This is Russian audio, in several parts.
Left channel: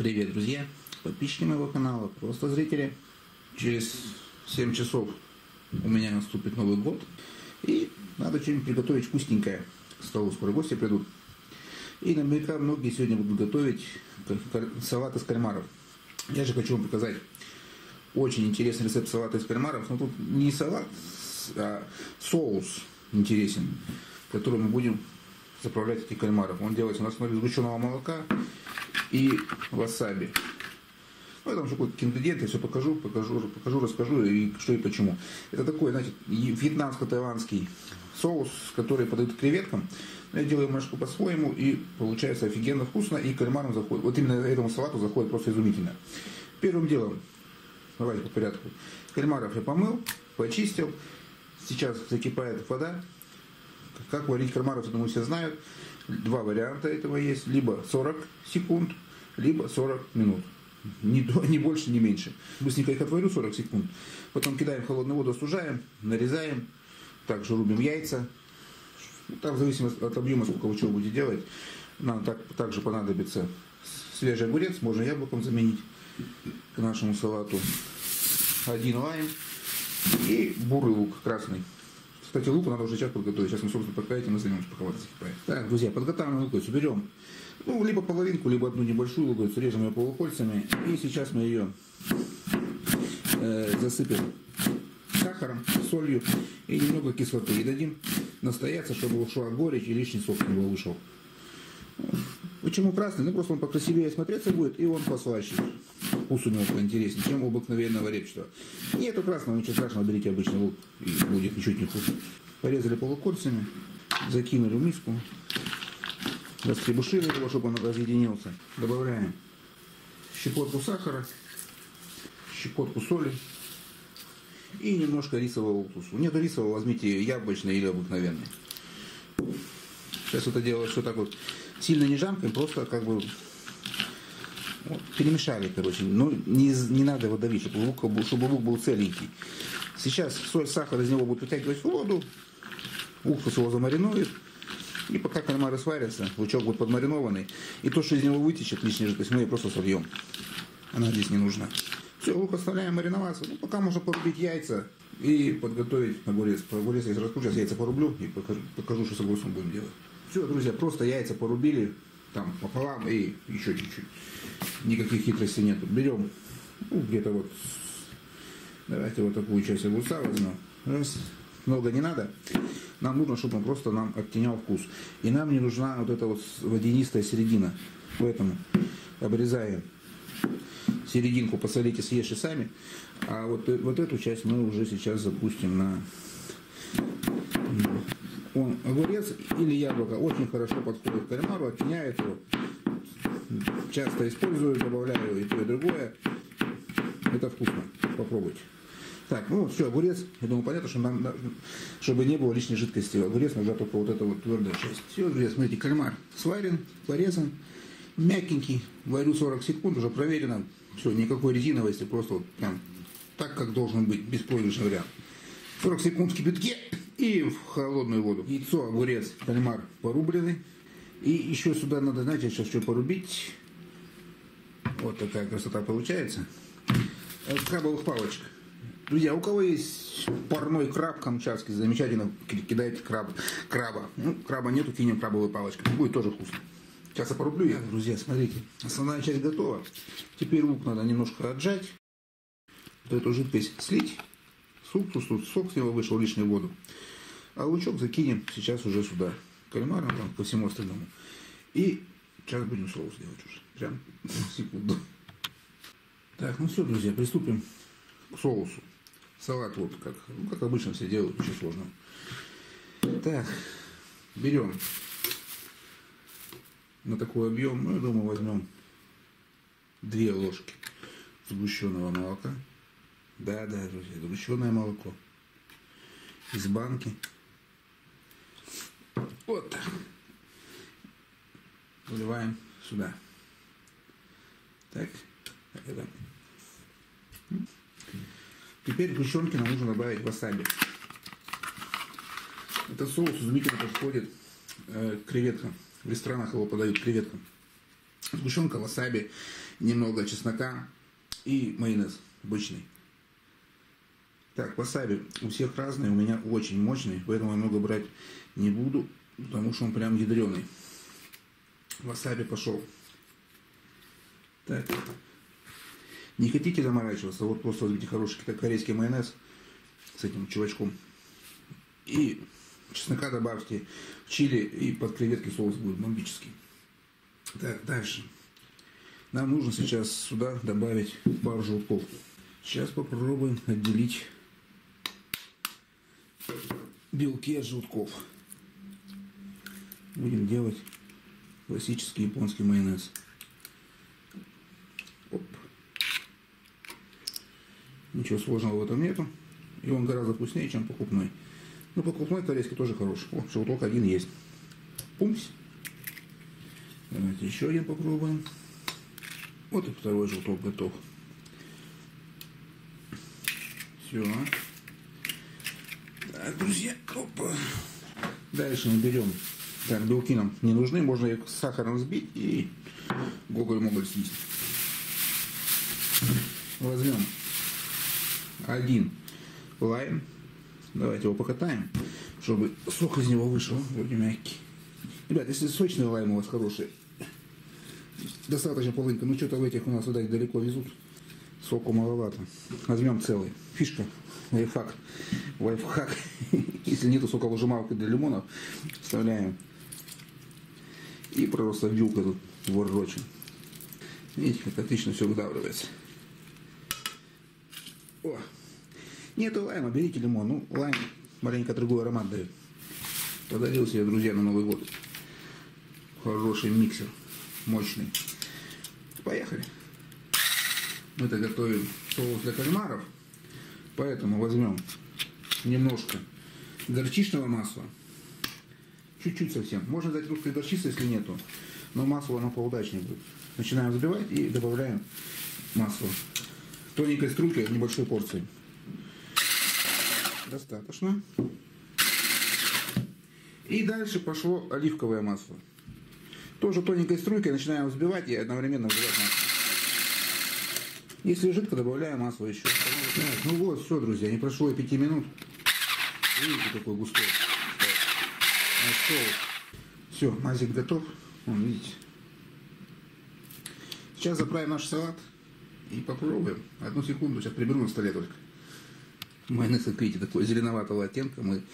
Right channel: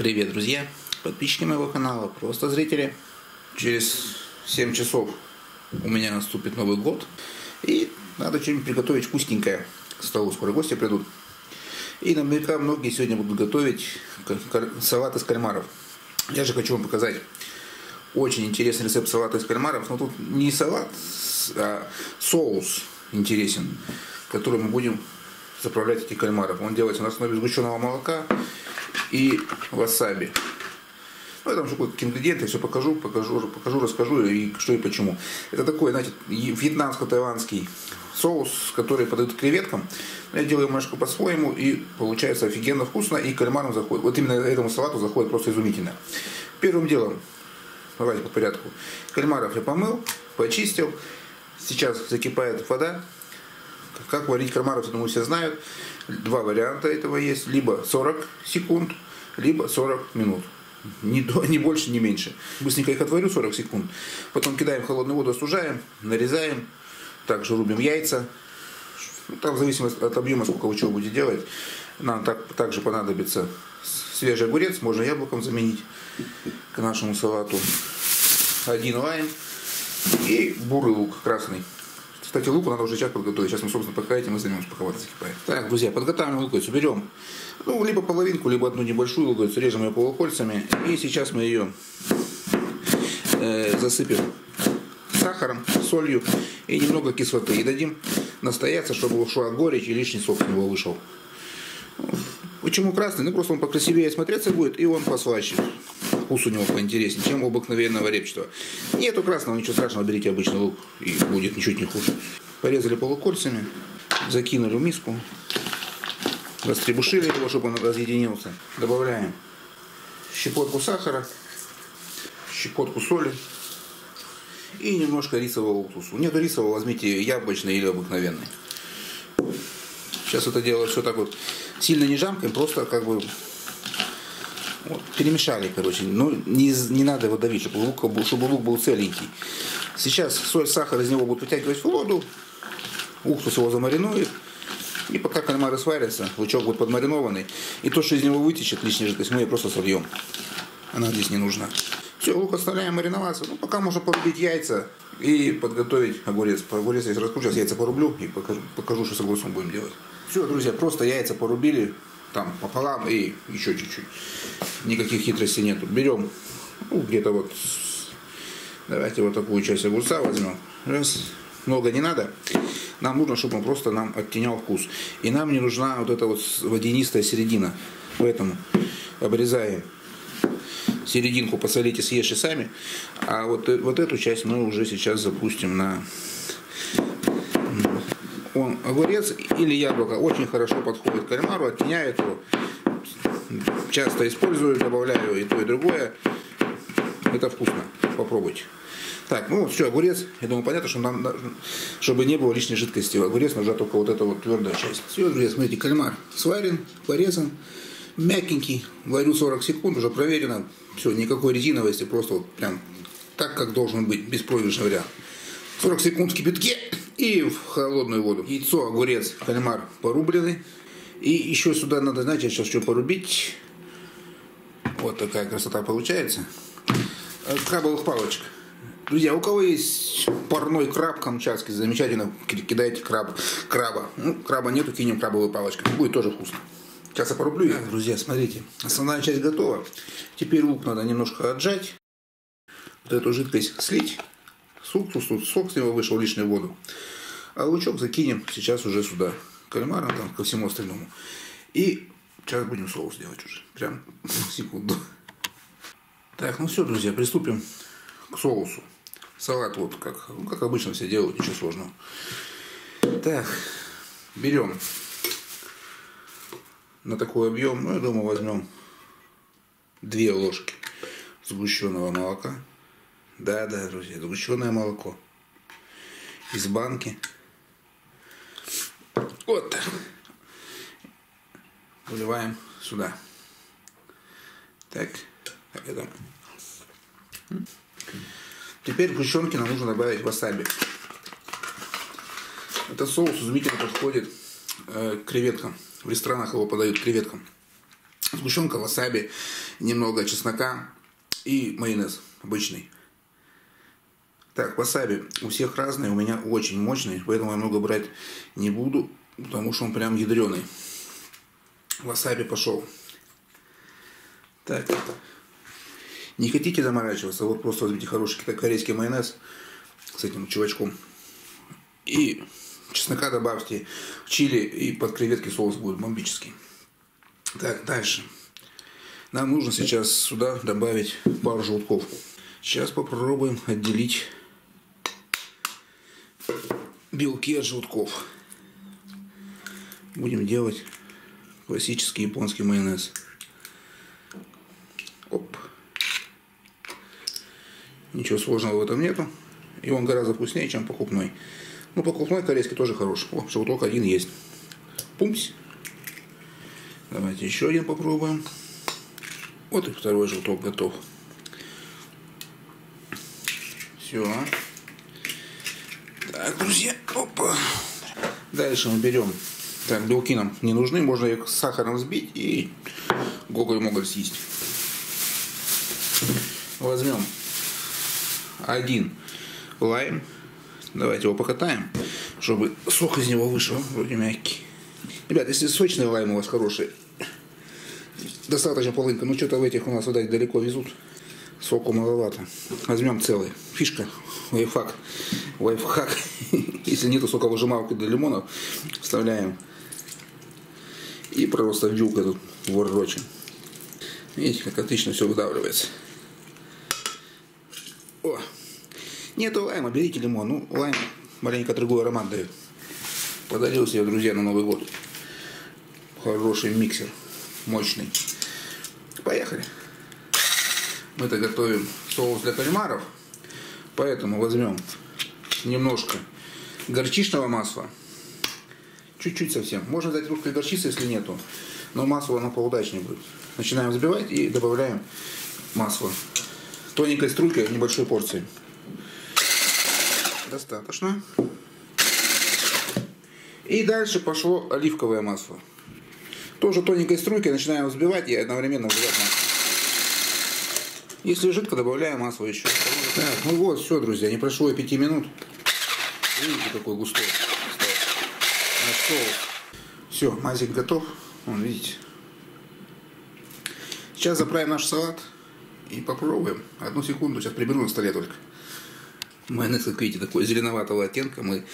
Привет, друзья, подписчики моего канала, просто зрители. Через 7 часов у меня наступит Новый год, и надо что-нибудь приготовить вкусненькое к столу. Скоро гости придут. И наверняка многие сегодня будут готовить салат из кальмаров. Я же хочу вам показать очень интересный рецепт салата из кальмаров. Но тут не салат, а соус интересен, который мы будем заправлять эти кальмаров. Он делается на основе сгущенного молока и васаби. Ну, я там же какие-то ингредиенты, все покажу, расскажу и что и почему. Это такой, знаете, вьетнамско-таиландский соус, который подают креветкам. Я делаю немножко по-своему, и получается офигенно вкусно, и кальмарам заходит. Вот именно этому салату заходит просто изумительно. Первым делом, давайте по порядку. Кальмаров я помыл, почистил. Сейчас закипает вода. Как варить кальмаров, я думаю, все знают. Два варианта этого есть. Либо 40 секунд, либо 40 минут. Ни больше, ни меньше. Быстренько их отварю 40 секунд. Потом кидаем в холодную воду, остужаем, нарезаем. Также рубим яйца. Там в зависимости от объема, сколько вы чего будете делать. Нам также понадобится свежий огурец. Можно яблоком заменить к нашему салату. 1 лайм. И бурый лук красный. Кстати, луку надо уже сейчас подготовить. Сейчас мы, собственно, пока этим и займемся, пока вода закипает. Так, друзья, подготавливаем луковицу. Берем либо половинку, либо одну небольшую луковицу. Режем ее полукольцами. И сейчас мы ее засыпем сахаром, солью и немного кислоты. И дадим настояться, чтобы ушла горечь и лишний сок с него вышел. Почему красный? Ну, просто он покрасивее смотреться будет, и он послаще. Вкус у него поинтереснее, чем у обыкновенного репчатого. Нету красного, ничего страшного, берите обычный лук, и будет ничуть не хуже. Порезали полукольцами, закинули в миску, растребушили его, чтобы он разъединился. Добавляем щепотку сахара, щепотку соли и немножко рисового уксуса. Нет рисового, возьмите яблочный или обыкновенный. Сейчас это дело все так вот сильно не жамкаем, просто как бы вот, перемешали, короче. Но не надо его давить, чтобы лук был целенький. Сейчас соль, сахар из него будут вытягивать в воду, уксус его замаринует. И пока кальмары сварятся, лучок будет подмаринованный. И то, что из него вытечет лишняя жидкость, мы ее просто сольем. Она здесь не нужна. Все, лук оставляем мариноваться. Ну, пока можно порубить яйца и подготовить огурец. Огурец я раскручу, сейчас яйца порублю и покажу, что с огурцом будем делать. Все, друзья, просто яйца порубили там пополам и еще чуть-чуть. Никаких хитростей нету. Берем, где-то вот, давайте вот такую часть огурца возьмем. Раз, много не надо. Нам нужно, чтобы он просто нам оттенял вкус. И нам не нужна вот эта вот водянистая середина. Поэтому обрезаем серединку, посолите, съешьте сами. А вот эту часть мы уже сейчас запустим на... Огурец или яблоко очень хорошо подходит к кальмару, оттеняет его. Часто использую, добавляю и то, и другое. Это вкусно. Попробуйте. Так, ну вот все, огурец. Я думаю, понятно, что нам, чтобы не было лишней жидкости. Огурец нужна только вот эта вот твердая часть. Все, друзья, смотрите, кальмар сварен, порезан, мягенький. Варю 40 секунд, уже проверено. Все, никакой резиновости, просто вот прям так, как должен быть, беспроигрышный вариант. 40 секунд в кипятке и в холодную воду. Яйцо, огурец, кальмар порублены. И еще сюда надо, знаете, сейчас что порубить. Вот такая красота получается. Крабовых палочек. Друзья, у кого есть парной краб камчатский, замечательно, кидайте краба. Ну, краба нету, кинем крабовую палочку. Будет тоже вкусно. Сейчас я порублю ее. Друзья, смотрите, основная часть готова. Теперь лук надо немножко отжать. Вот эту жидкость слить. Сок с него вышел, лишнюю воду. А лучок закинем сейчас уже сюда. Кальмаром, там, ко всему остальному. И сейчас будем соус делать уже. Прям секунду. Так, ну все, друзья, приступим к соусу. Салат вот как обычно все делают, ничего сложного. Так, берем на такой объем, ну я думаю, возьмем 2 ложки сгущенного молока. Да, друзья, сгущенное молоко из банки. Вот так. Выливаем сюда. Так, это. Теперь к сгущенке нам нужно добавить васаби. Этот соус изумительно подходит к креветкам. В ресторанах его подают к креветкам. Сгущенка, васаби, немного чеснока и майонез обычный. Так, васаби у всех разный, у меня очень мощный, поэтому я много брать не буду, потому что он прям ядреный. Васаби пошел. Так, не хотите заморачиваться, вот просто возьмите хороший корейский майонез с этим чувачком. И чеснока добавьте, чили, и под креветки соус будет бомбический. Так, дальше. Нам нужно сейчас сюда добавить пару желтков. Сейчас попробуем отделить белки от желтков. Будем делать классический японский майонез. Оп. Ничего сложного в этом нету. И он гораздо вкуснее, чем покупной. Ну, покупной корейский тоже хороший. О, желток один есть. Пумсь. Давайте еще один попробуем. Вот и второй желток готов. Все. Так, друзья. Опа. Дальше мы берем. Так, белки нам не нужны. Можно их с сахаром взбить и гоголь-моголь съесть. Возьмем один лайм. Давайте его покатаем, чтобы сок из него вышел. Вроде мягкий. Ребят, если сочный лайм у вас хороший, достаточно половинка. Ну, что-то в этих у нас, видать, далеко везут. Соку маловато. Возьмем целый. Фишка. Лайфхак. Лайфхак. Если нету соковыжималки для лимонов, вставляем. И просто вилка тут ворочим. Видите, как отлично все выдавливается. О! Нету лайма, берите лимон. Ну, лайм маленько другой аромат дает. Подарил себе, друзья, на Новый год. Хороший миксер. Мощный. Поехали. Мы-то готовим соус для кальмаров. Поэтому возьмем немножко горчичного масла. Чуть-чуть совсем. Можно взять русской горчицы, если нету. Но масло оно поудачнее будет. Начинаем взбивать и добавляем масло. Тоненькой струйкой в небольшой порции. Достаточно. И дальше пошло оливковое масло. Тоже тоненькой струйкой начинаем взбивать и одновременно взбивать масло. Если жидко, добавляем масло еще. Так, ну вот, все, друзья, не прошло и 5 минут. Видите, какой густой. Все, мазик готов. Вон, видите. Сейчас заправим наш салат и попробуем. Одну секунду, сейчас приберу на столе только. Майонез, как видите, такой зеленоватого оттенка. Мы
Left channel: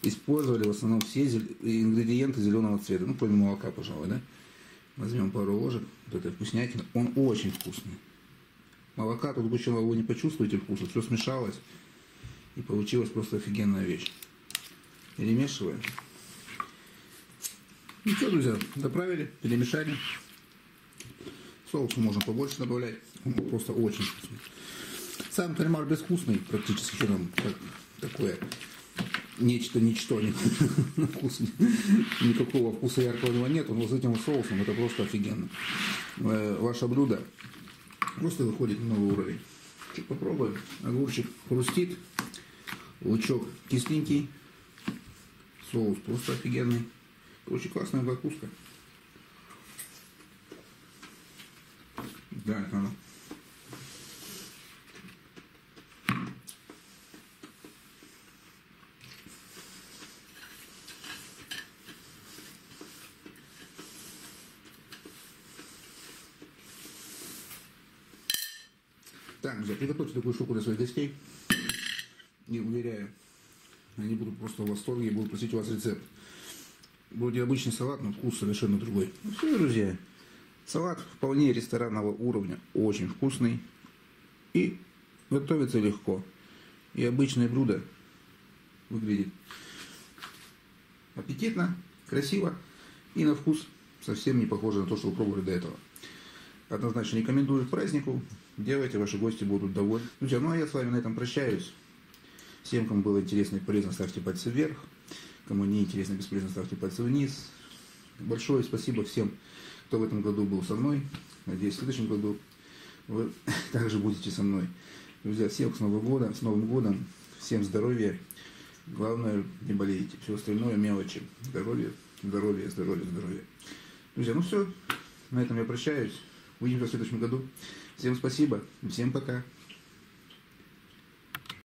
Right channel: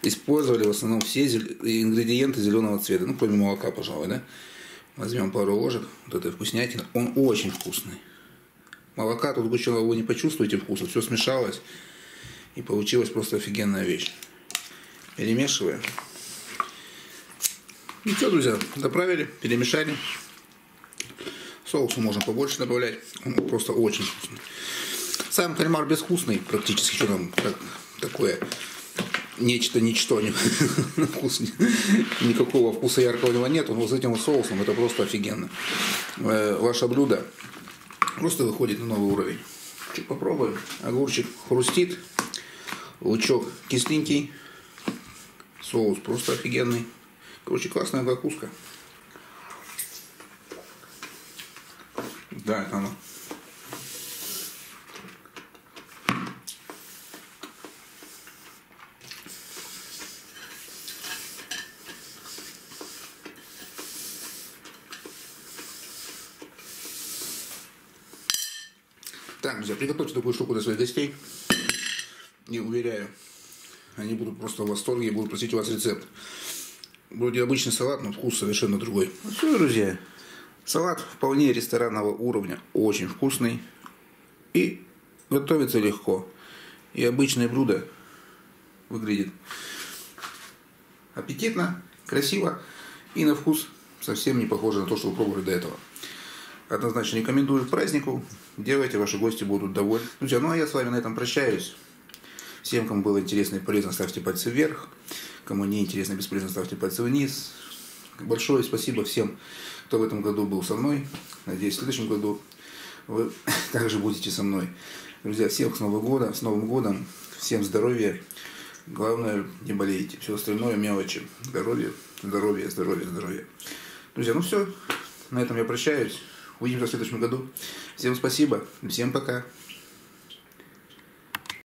использовали в основном все ингредиенты зеленого цвета. Ну, кроме молока, пожалуй, да? Возьмем пару ложек. Вот этой вкуснятины. Он очень вкусный. Молока тут сгущенного вы не почувствуете вкуса. Все смешалось. И получилась просто офигенная вещь. Перемешиваем. Ну что, друзья, заправили, перемешали. Соусу можно побольше добавлять. Он просто очень вкусный. Сам кальмар безвкусный практически. Что там такое? Нечто, ничто. Никакого вкуса яркого нету. Но с этим соусом это просто офигенно. Ваше блюдо просто выходит на новый уровень. Чуть попробуем. Огурчик хрустит. Лучок кисленький. Соус просто офигенный. Короче, классная закуска. Да, это она. Так, друзья, приготовьте такую штуку для своих гостей. Не уверяю, они будут просто в восторге и будут просить у вас рецепт. Вроде обычный салат, но вкус совершенно другой. Ну все, друзья, салат вполне ресторанного уровня, очень вкусный и готовится легко. И обычное блюдо выглядит аппетитно, красиво и на вкус совсем не похоже на то, что вы пробовали до этого. Однозначно рекомендую к празднику. Делайте, ваши гости будут довольны. Друзья, ну а я с вами на этом прощаюсь. Всем, кому было интересно и полезно, ставьте пальцы вверх. Кому не интересно и бесполезно, ставьте пальцы вниз. Большое спасибо всем, кто в этом году был со мной. Надеюсь, в следующем году вы также будете со мной. Друзья, всех с Новым годом, всем здоровья. Главное, не болейте. Все остальное мелочи. Здоровье, здоровье, здоровье, здоровье. Друзья, ну все. На этом я прощаюсь. Увидимся в следующем году. Всем спасибо. Всем пока.